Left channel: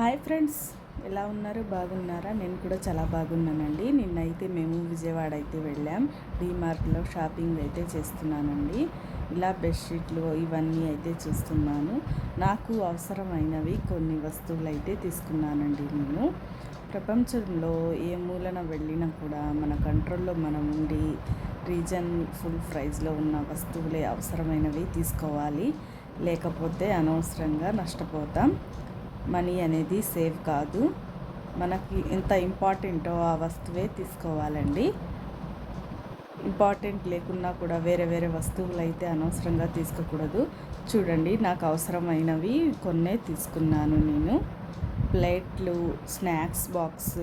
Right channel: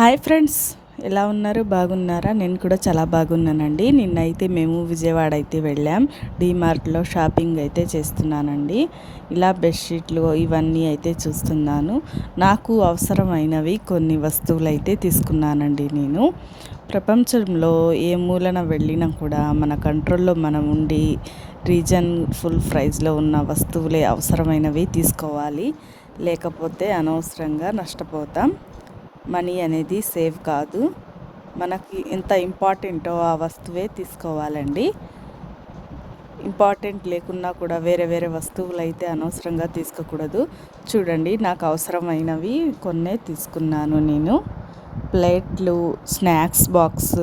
Hi friends, ఎలా ఉన్నారు? బాగున్నారా? నేను కూడా చాలా బాగున్నానండి. నిన్నైతే మేము విజయవాడ అయితే వెళ్ళాం. డీమార్ట్లో షాపింగ్ అయితే చేస్తున్నానండి. ఇలా బెడ్షీట్లు ఇవన్నీ అయితే చూస్తున్నాను. నాకు అవసరమైనవి కొన్ని వస్తువులు అయితే తీసుకున్నానండి. నేను ప్రపంచంలో ఏ మూలన వెళ్ళినా కూడా మన కంట్రోల్లో మనం ఉండి రీజన్ ఫుల్ ప్రైస్లో ఉన్న వస్తువులే అవసరమైనవి తీసుకోవాలి. లేకపోతే అనవసరంగా నష్టపోతాం. మనీ అనేది సేవ్ కాదు. మనకి ఎంత ఇంపార్టెంటో ఆ వస్తువే తీసుకోవాలండి. ఇంపార్టెంట్ లేకున్నా కూడా వేరే వేరే వస్తువులు అయితే అనవసరంగా తీసుకోకూడదు. చూడండి, నాకు అవసరమైనవి కొన్నే తీసుకున్నాను నేను. ప్లేట్లు, స్నాక్స్ బాక్స్,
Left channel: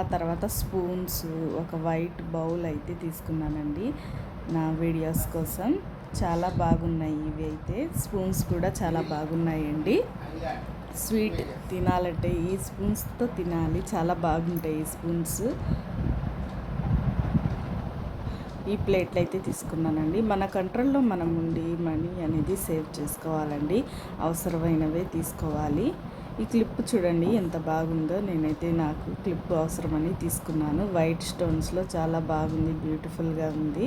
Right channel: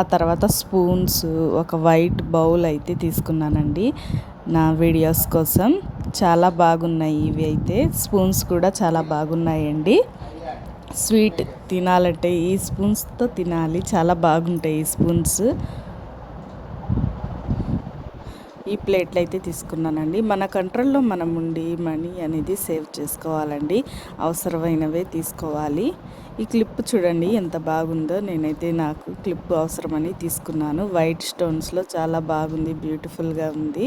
ఆ తర్వాత స్పూన్స్, ఒక వైట్ బౌల్ అయితే తీసుకున్నానండి నా వీడియోస్ కోసం. చాలా బాగున్నాయి ఇవి అయితే. స్పూన్స్ కూడా చాలా బాగున్నాయండి. స్వీట్ తినాలంటే ఈ స్పూన్స్తో తినాలి, చాలా బాగుంటాయి ఈ స్పూన్స్. ఈ ప్లేట్లు అయితే తీసుకున్నానండి. మన కంట్రోల్లో మనం ఉండి మనీ అనేది సేవ్ చేసుకోవాలండి. అవసరమైనవే తీసుకోవాలి. ఈ క్లిప్ చూడండి ఎంత బాగుందో. నేనైతే నాకు క్లిప్ అవసరమని తీసుకున్నాను. వైట్ స్టోన్స్లో చాలా బాగుంది, బ్యూటిఫుల్గా ఉంది.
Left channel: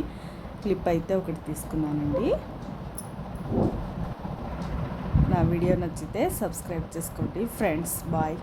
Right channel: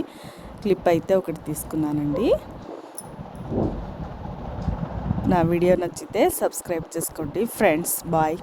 క్లిప్ అయితే ఒకటి తీసుకున్నానండి. నా వీడియో నచ్చితే సబ్స్క్రైబ్ చేసుకోండి ఫ్రెండ్స్. బాయ్.